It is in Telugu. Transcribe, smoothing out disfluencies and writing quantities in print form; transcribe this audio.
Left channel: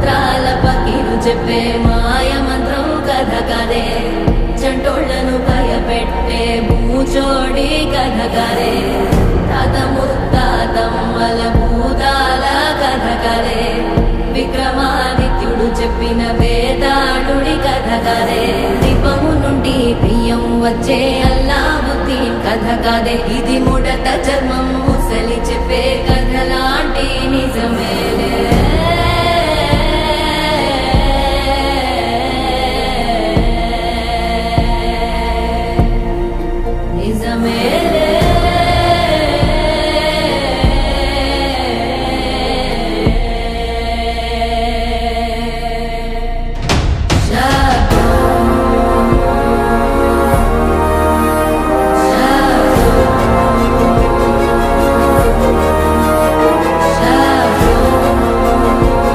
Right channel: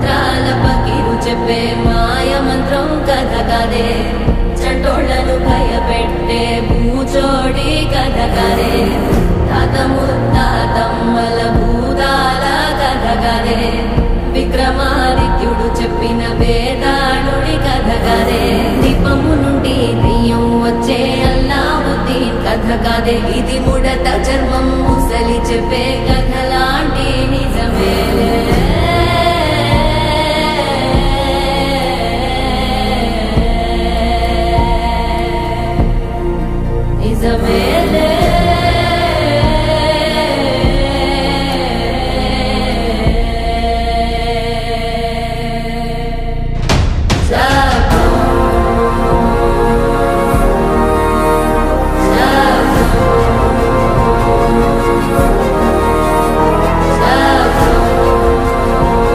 మంత్రాల పకిరు చెప్పే మాయ మంత్రం కథ కదే చంటోళ్లను భయపెట్టే భూచోడి కథ కదే తాత ముత్తాతమ్మల భూతాల కథ కదే విక్రమాదిత్యుడు చెప్పిన వేదాళుడి కథ కదే దీపము నుండి దెయ్యం వచ్చే అల్లావుద్దీన్ కథ కదే ఇది ముడత చర్మం ముసలి చెప్పే కథ లాంటి నిజమే